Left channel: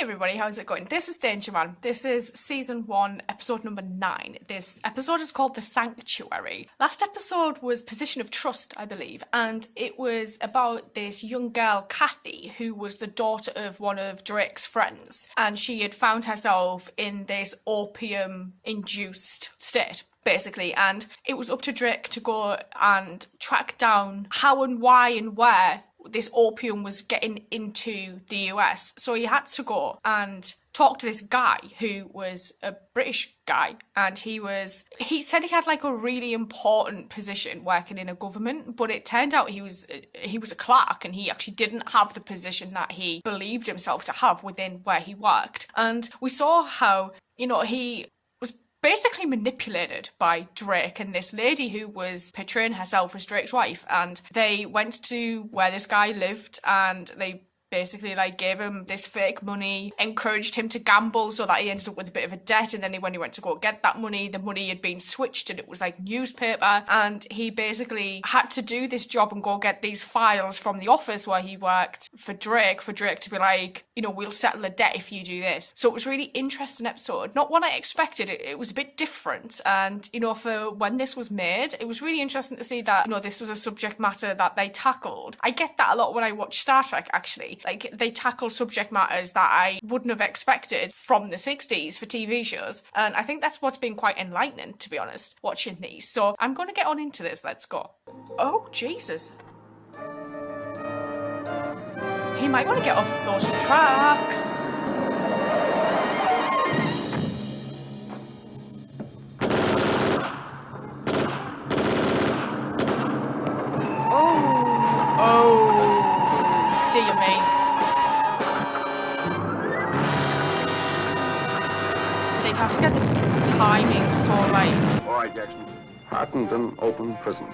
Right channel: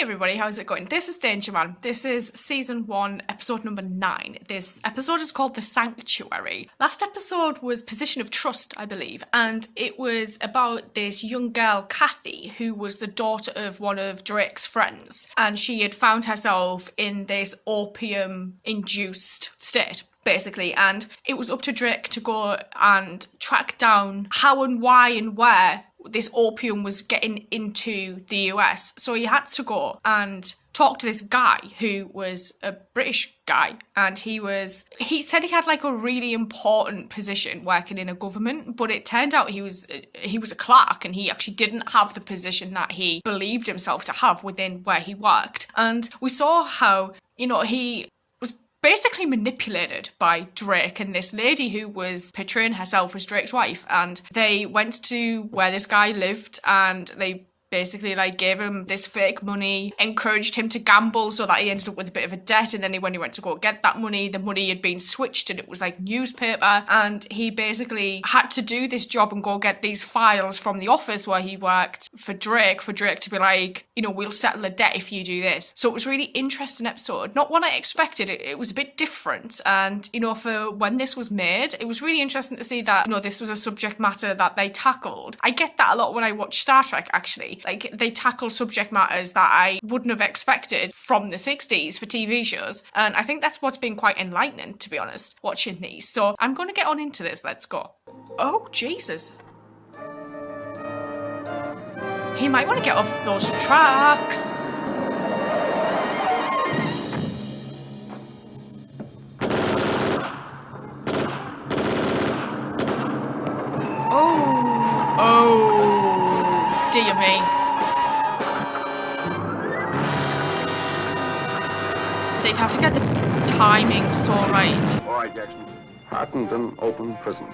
Hey everybody, how's it going? This is Danger Man. This is season 1, episode number 9. This episode is called The Sanctuary. Last episode was Position of Trust, I believe, and it was about this young girl, Kathy, who was the daughter of one of Drake's friends, and she had found herself in this opium-induced state, basically, and it was up to Drake to go and track down how and why and where this opium was getting into the US. So he had to go and talk to this guy who was a British guy, and he said he had like a really important position working in a government, but it turned out he was a clerk, and he actually didn't have the position that he believed himself to have within where he worked. And we saw how, he basically manipulated by Drake and this lady who was portraying herself as Drake's wife, and they went to where this guy lived and they basically gave him this fake money, encouraged him to gamble so that he ended up with a bit of a debt, and then when he went to go get that money, the money had been switched and it was like newspaper, and he basically had to do this job and go get these files from the office where he worked for Drake to be like, we'll settle the debt if you do this. So it was a really interesting episode. Not what I expected. It was a bit different, and for when this was made, it was really interesting to see that this was a subject matter that they tackled. I get that a lot when I watch Star Trek, actually. Like, they tackle subject matters that I wouldn't have expected from the 60s for TV shows. And I think that's what's been quite enlightening, to be honest, watching these. So I'm going to get on into this. Let's go. Oh, Jesus. He might want to get off those tracks. Have to get the timing so right. All right, Jackson. Hartenden Open Prison,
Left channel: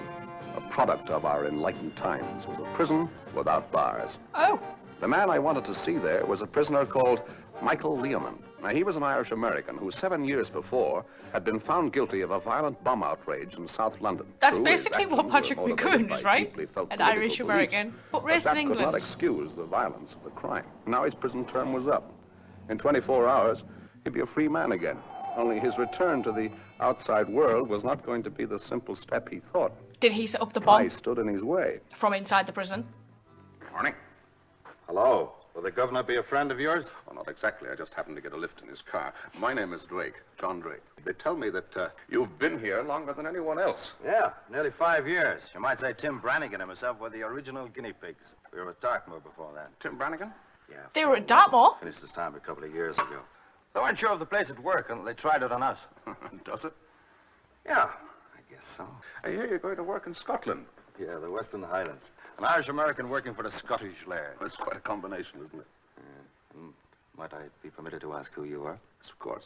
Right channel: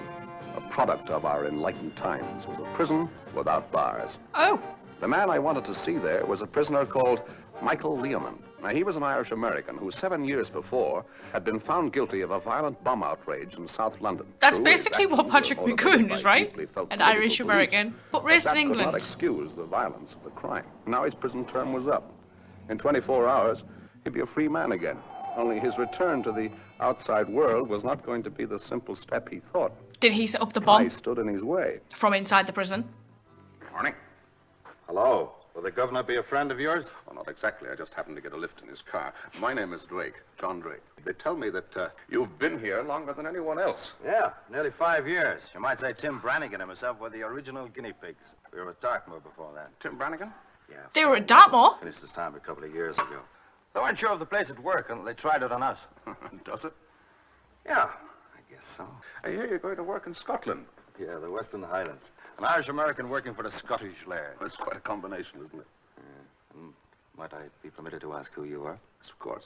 a product of our enlightened times, was a prison without bars. Oh. The man I wanted to see there was a prisoner called Michael Liman. Now, he was an Irish-American who 7 years before had been found guilty of a violent bomb outrage in South London. That's basically what Patrick McCoon is, right? An Irish-American, but raised in England. That could not excuse the violence of the crime. Now his prison term was up. In 24 hours, he'd be a free man again. Only his return to the outside world was not going to be the simple step he thought. Did he set up the bomb? I stood in his way. From inside the prison? Morning. Hello. Will the governor be a friend of yours? Well, not exactly. I just happened to get a lift in his car. My name is Drake, John Drake. They tell me that you've been here longer than anyone else. Yeah, nearly 5 years. You might say Tim Brannigan and myself were the original guinea pigs. We were at Dartmoor before that. Tim Brannigan? Yeah. They were at Dartmoor? Finished this time a couple of years ago. They weren't sure of the place would work until they tried it on us. Does it? Yeah, I guess so. I hear you're going to work in Scotland. Yeah, the Western Highlands. An Irish-American working for the Scottish Laird. That's quite a combination, isn't it? Might I be permitted to ask who you are? Yes, of course.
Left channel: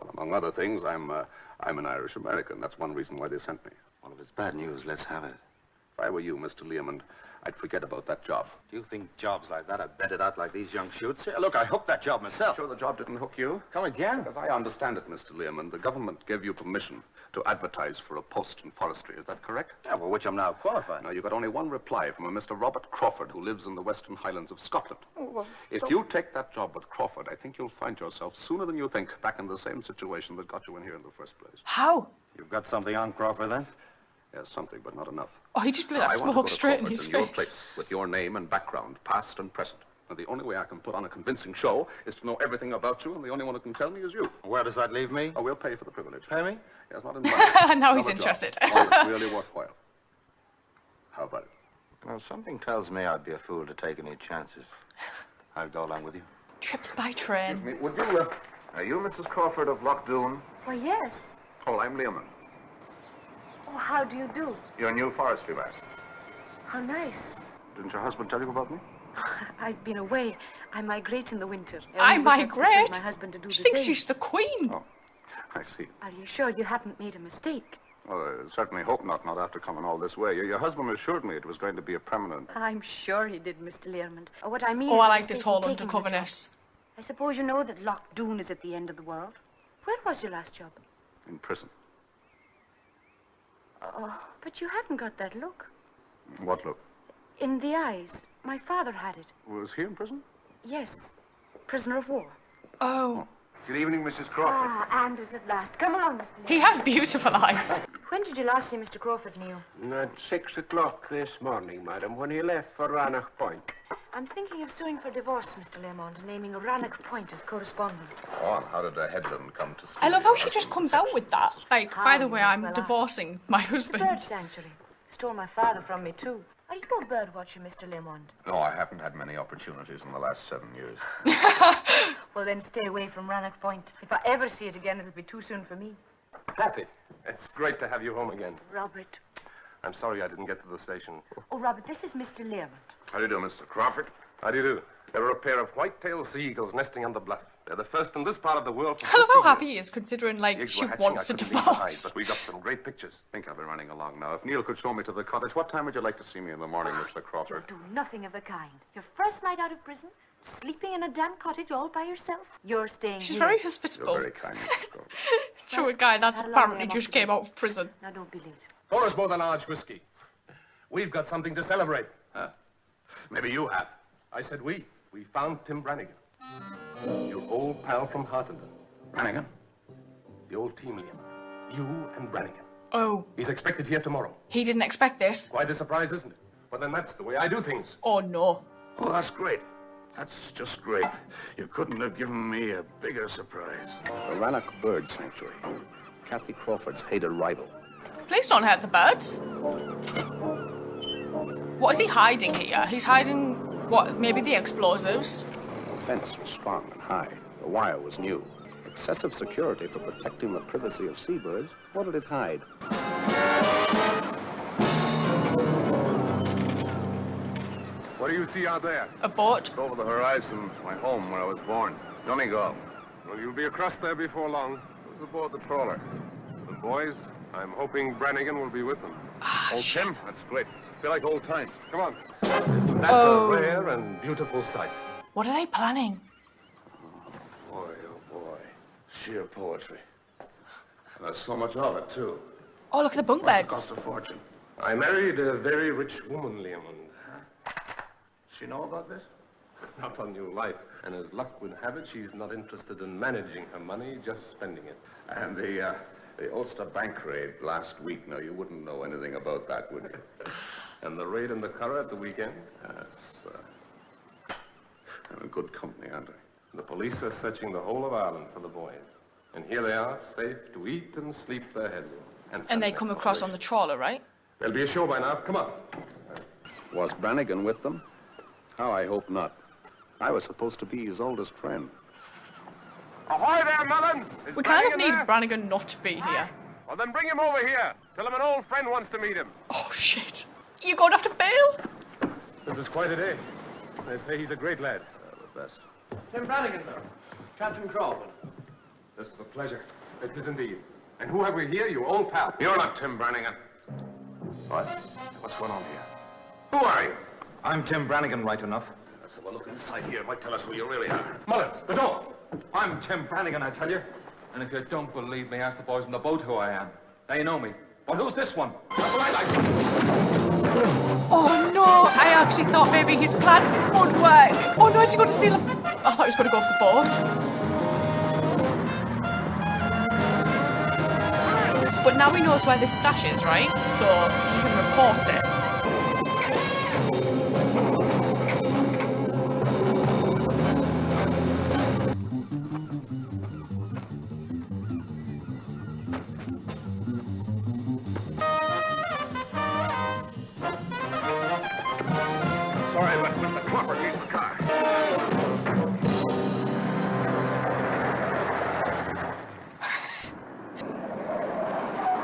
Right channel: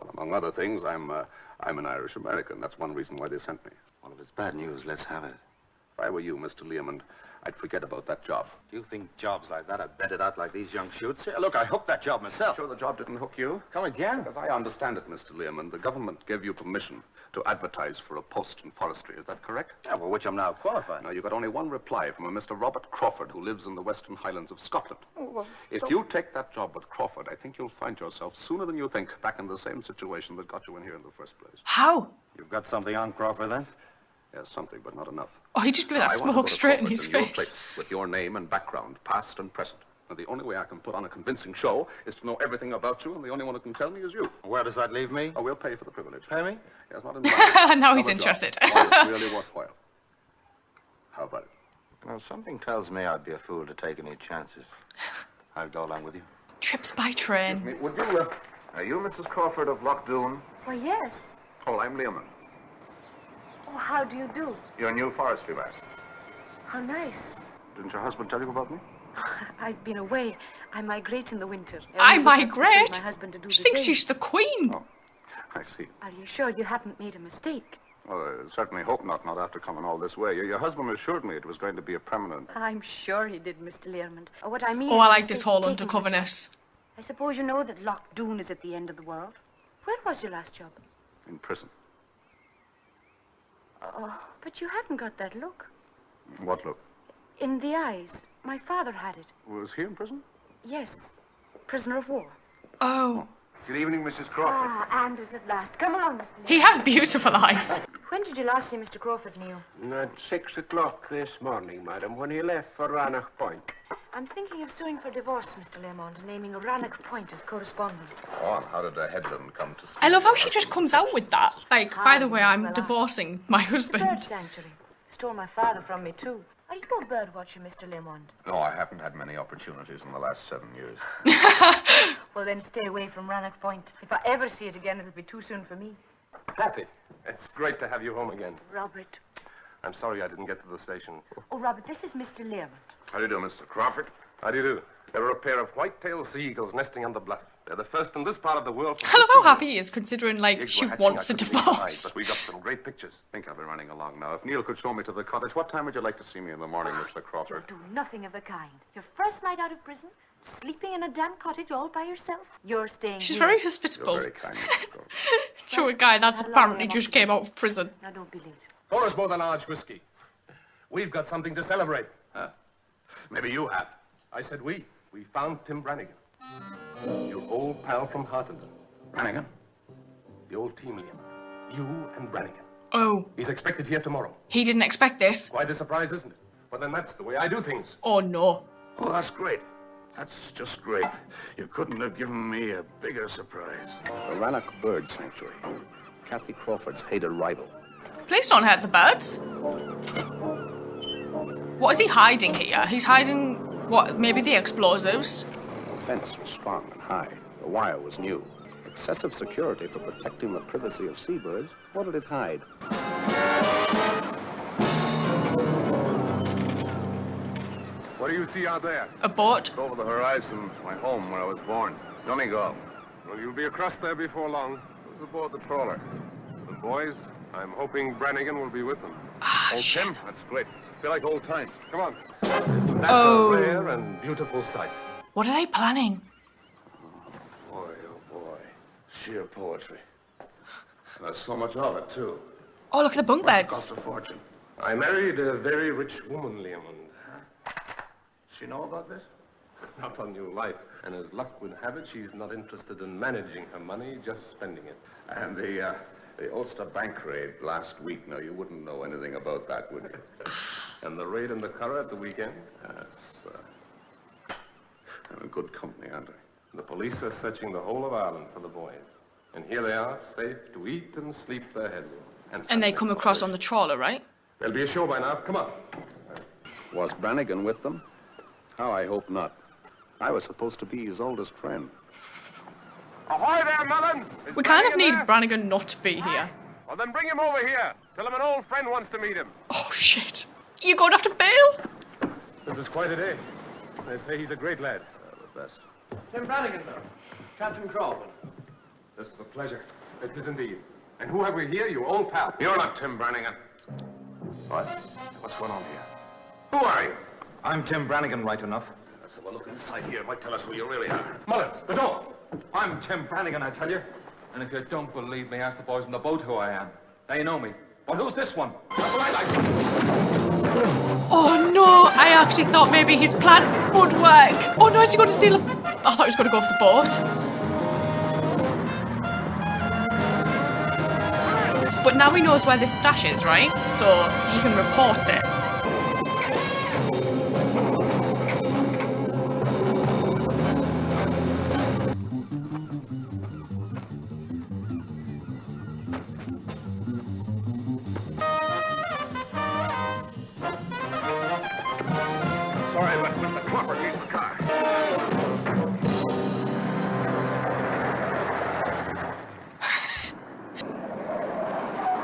Well, among other things, I'm an Irish-American. That's one reason why they sent me. Well, if it's bad news, let's have it. If I were you, Mr. Liman, I'd forget about that job. Do you think jobs like that are bedded out like these young shoots? Here, look, I hooked that job myself. Sure the job didn't hook you? Come again? As I understand it, Mr. Liman, the government gave you permission to advertise for a post in forestry. Is that correct? Yeah, for which I'm now qualified. Now, you got only one reply from a Mr. Robert Crawford, who lives in the Western Highlands of Scotland. Oh, well, if you take that job with Crawford, I think you'll find yourself, sooner than you think, back in the same situation that got you in here in the first place. How? You've got something on Crawford, then? Yes, something, but not enough. Oh, he just blew that smoke straight in his face. Your place, with your name and background, past and present. Now, the only way I can put on a convincing show is to know everything about you, and the only one who can tell me is you. Where does that leave me? Oh, we'll pay for the privilege. Pay me? Yes, not in money. Now he's interested. One that's really worthwhile. How about it? Well, something tells me I'd be a fool to take any chances. I'll go along with you. Trips by train. Excuse me, would you, are you Mrs. Crawford of Lochdoon? Why, yes. Oh, I'm Liman. Oh, how do you do? Your new forestry man. How nice. Didn't your husband tell you about me? I've been away. I migrate in the winter. I migrate? My husband to do She the thinks same. she's the queen. Oh, I see. Are you sure you haven't made a mistake? Well, I certainly hope not after coming all this way. Your husband assured me it was going to be a permanent... I'm sure he did, Mr. Learmond. What I mean Oh, is I a like this mistake whole in taking the job. undercoverness. I suppose you know that Lochdoon is at the end of the world. Where was your last job? In prison. Oh, but you haven't got that look. What look? In the eyes. My father had it. Was he in prison? Yes. prisoner of war. Oh. Good evening, Mrs. Crawford. Ah, Anders at last. Come along, Mr. Liman. He has beautiful eyes. When did you last see Mr. Crawford, Neil? At 6 o'clock this morning, madam, when he left for Rannoch Point. I'm thinking of suing for divorce, Mr. Lemon, and naming Rannoch Point as correspondent. Oh, and how did the headland come to speak? I love how she just comes out with that. Like, by the way, I'm Well, divorcing my It's the bird husband. sanctuary. Stole my father from me, too. Are you a bird watcher, Mr. Lemon? No, I haven't had many opportunities in the last 7 years. Well, then stay away from Rannoch Point. If I ever see it again, it'll be too soon for me. Kathy, it's great to have you home again. Robert. I'm sorry I didn't get to the station. Oh, Robert, this is Mr. Lemon. How do you do, Mr. Crawford? How do you do? There are a pair of white-tailed seagulls nesting on the bluff. They're the first in this part of the world for I 50 love how years. happy he is, considering, The like, eggs she were hatching, wants I a couldn't leave the hide, divorce. but we got some great pictures. I think I'll be running along now. If Neil could show me to the cottage, what time would you like to see me in the morning, Mr. Crawford? You'll do nothing of the kind. Your first night out of prison, sleeping in a damp cottage all by yourself. You're staying She's here. very You're hospitable very kind, Mrs. Crawford. to a guy that's How long apparently am I just up to came out of prison. Now, don't be late. Pour us both a large whiskey. We've got something to celebrate. Huh? Maybe you have. I said we. We found Tim Brannigan. Your old pal from Hartington. Brannigan? The old team, Liam. You and Brannigan. Oh, He's expected here tomorrow. he didn't expect this. Quite a surprise, isn't it? Well, then that's the way I do things. Oh, no. Oh, that's great. That's just great. You couldn't have given me a bigger surprise. The Rannoch Bird Sanctuary. Kathy Crawford's hated rival. Please don't hurt the birds. What is he hiding here? He's hiding, what, maybe the explosives? The fence was strong and high. The wire was new. Excessive security for protecting the privacy of seabirds. What did it hide? What do you see out there? A boat? Over the horizon, my home where I was born. Donegal. Well, you'll be across there before long. It was aboard the trawler. The boys, I'm hoping Brannigan will be with them. Old Tim? That's great. Feel like old times. Come on. Isn't that a rare and beautiful sight? What are they planning? Boy, oh boy. Sheer poetry. And there's so much of it, too. Oh, look at the bunk Must beds. cost a fortune. I married a very rich woman, Liam, and She know about this? not on your life. And as luck would have it, she's not interested in managing her money, just spending it. And the Ulster bank raid last week. Now, you wouldn't know anything about that, would you? And the raid in the Curragh at the weekend? Yes. I'm in good company, aren't I? The police are searching the whole of Ireland for the boys. And here they are, safe to eat and sleep their heads off. And they come across on the trawler, right? There'll be a show by now. Come on. Was Brannigan with them? How I hope not. I was supposed to be his oldest friend. Ahoy there, Mullins! Is We kind of Brannigan need there? Brannigan not to be here. Well, then bring him over here. Tell him an old friend wants to meet him. Oh, shit. You're going after bail? This is quite a day. They say he's a great lad. The best. Tim Brannigan, sir. Captain Crawford. This is a pleasure. It is indeed. And who have we here? Your old pal. You're not Tim Brannigan. What? What's going on here? Who are you? I'm Tim Brannigan, right enough. Let's have a look inside here. Might tell us who you really are. Mullet, the door. I'm Tim Brannigan, I tell you. And if you don't believe me, ask the boys on the boat who I am. They know me. But who's this one? That's what I like. Oh, no. I actually thought maybe his plan would work. Oh, no, is he going to steal a... I thought he was going to go off the boat. But now he knows where this stash is, right? So he can report it. Sorry, but Mr. Crawford needs the car.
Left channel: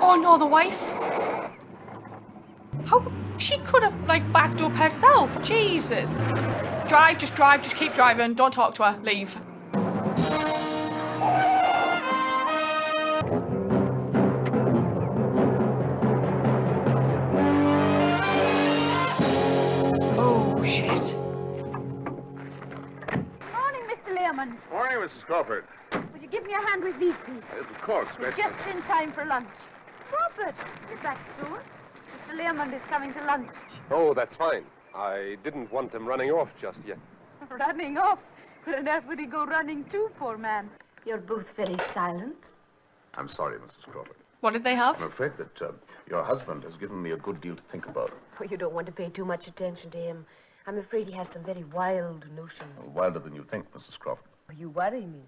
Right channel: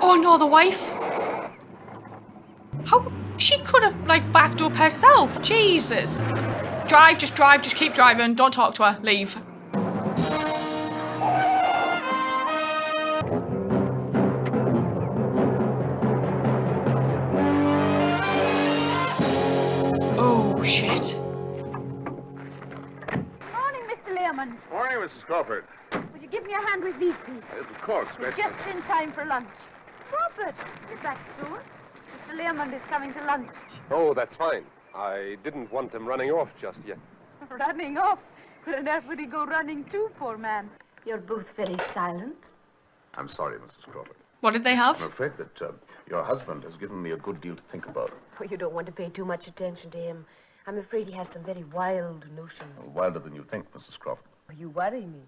Oh, no, the wife. How... She could have, like, backed up herself. Jesus. Drive, just keep driving. Don't talk to her. Leave. Oh, shit. Morning, Mr. Lemon. Morning, Mrs. Crawford. Would you give me a hand with these, please? Yes, of course. We're just in time for lunch. Robert, you're back soon. Mr. Lemon is coming to lunch. Oh, that's fine. I didn't want him running off just yet. Running off? Where on earth would he go running to, poor man? You're both very silent. I'm sorry, Mrs. Crawford. What did they have? I'm afraid that your husband has given me a good deal to think about. Oh, you don't want to pay too much attention to him. I'm afraid he has some very wild notions. Wilder than you think, Mrs. Crawford. Oh, you worry me.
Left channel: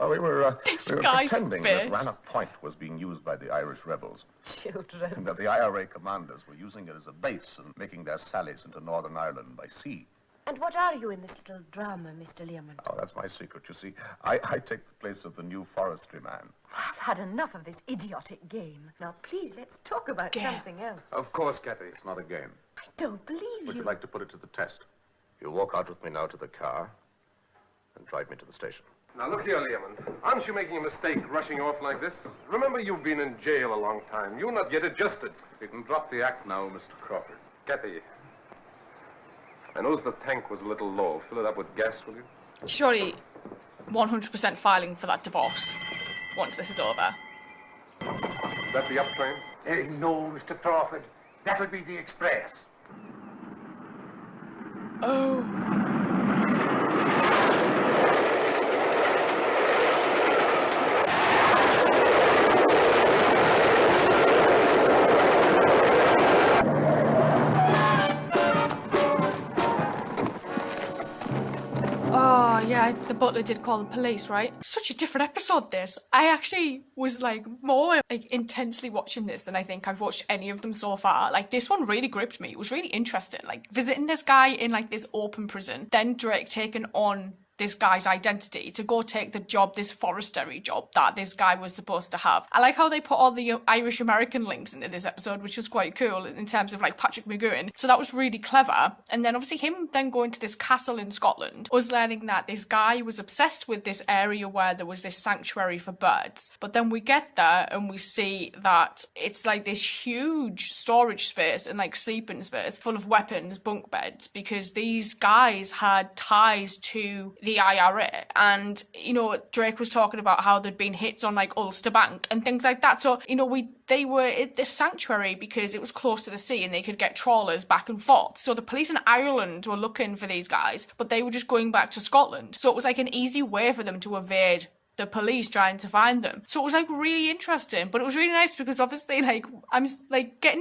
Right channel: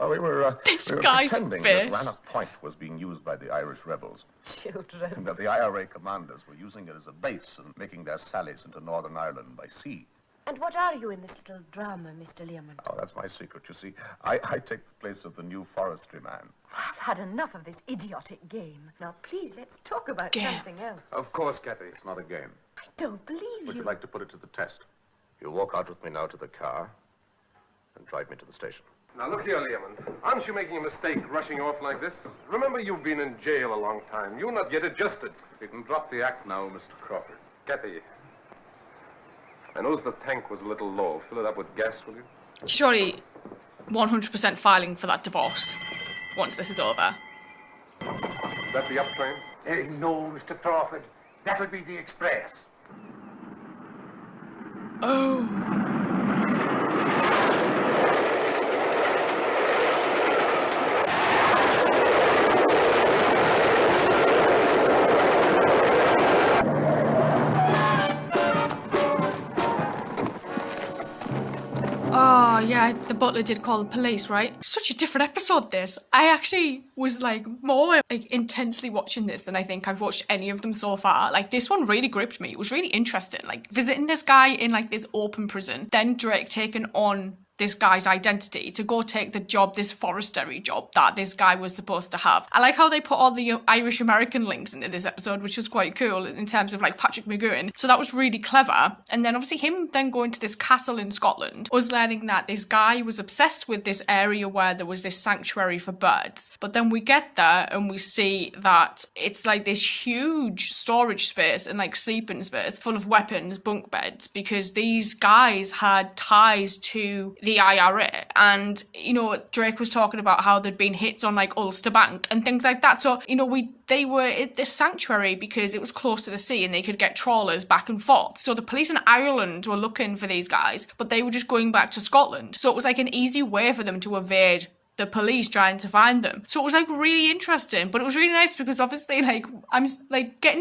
Oh, we were guy's pretending that face. Rannoch Point was being used by the Irish rebels, Children. and that the IRA commanders were using it as a base and making their sallies into Northern Ireland by sea. And what are you in this little drama, Mr. Liman? Oh, that's my secret, you see. I take the place of the new forestry man. I've had enough of this idiotic game. Now, please, let's talk about something else. Of course, Kathy. It's not a game. I don't believe Would you. you like to put it to the test? You walk out with me now to the car and drive me to the station. Now, look here, Liman. Aren't you making a mistake rushing off like this? Remember, you've been in jail a long time. You're not yet adjusted. You can drop the act now, Mr. Crawford. Kathy, I noticed the tank was a little low. Fill it up with gas, will you? Surely 100% filing for that divorce once this is over. Is that the up train? No, Mr. Crawford. That'll be the express. Oh, yeah, the butler did call the police, right? Such a different episode, this. I actually was, more, intensely watching this than I think I've watched any of them so far. This one really gripped me. It was really interesting. Visiting this guy in, this open prison, then Drake taking on this guy's identity to go take the job, this forestry job that this guy was supposed to have. I like how they put all the Irish American links into this episode, which was quite cool in terms of Patrick McGowan. So that was really clever. And then obviously him then going to this castle in Scotland, us learning that this guy was obsessed with this area where there was this sanctuary for birds. But then we get there and we see that it's this huge storage space and sleeping space full of weapons, bunk beds, because these guys had ties to the IRA, and Drake was talking about how there'd been hits on Ulster Bank and things like that. So they were at this sanctuary because it was close to the sea and they could get trawlers back and forth. So the police in Ireland were looking for these guys, but they were just going back to Scotland. So it was an easy way for them to evade the police trying to find them. So it was really interesting, but it was really nice because obviously I'm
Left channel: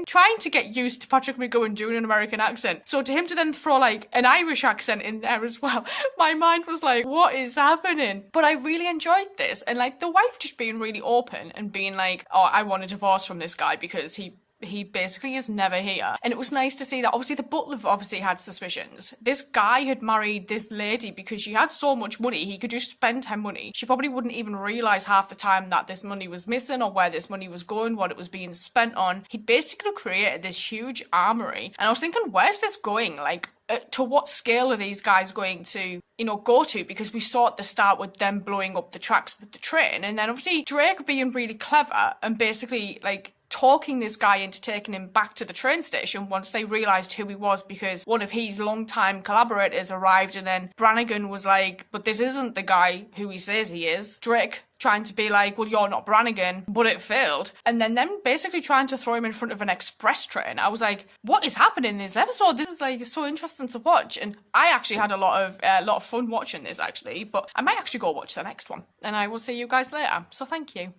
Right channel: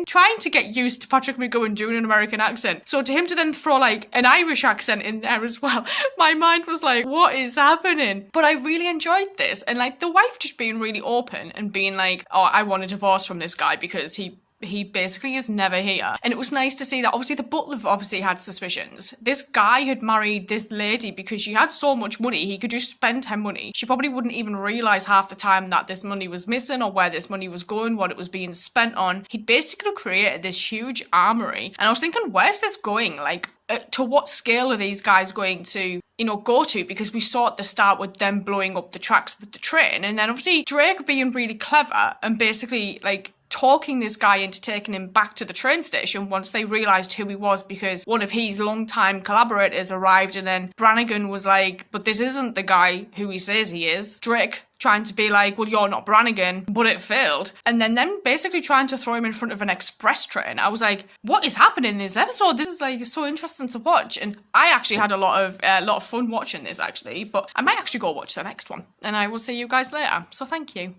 trying to get used to Patrick McGowan doing an American accent. So to him to then throw an Irish accent in there as well, my mind was what is happening? But I really enjoyed this, and the wife just being really open and being oh, I want a divorce from this guy because he basically is never here. And it was nice to see that obviously the butler obviously had suspicions. This guy had married this lady because she had so much money, he could just spend her money. She probably wouldn't even realise half the time that this money was missing or where this money was going, what it was being spent on. He basically created this huge armoury. And I was thinking, where's this going? To what scale are these guys going to go to? Because we saw at the start with them blowing up the tracks with the train, and then obviously Drake being really clever and basically talking this guy into taking him back to the train station once they realised who he was, because one of his long-time collaborators arrived, and then Brannigan was but this isn't the guy who he says he is. Drake trying to be well, you're not Brannigan, but it failed. And then them basically trying to throw him in front of an express train. I was what is happening in this episode? This is so interesting to watch. And I actually had a lot of fun watching this actually, but I might actually go watch the next one. And I will see you guys later. So thank you.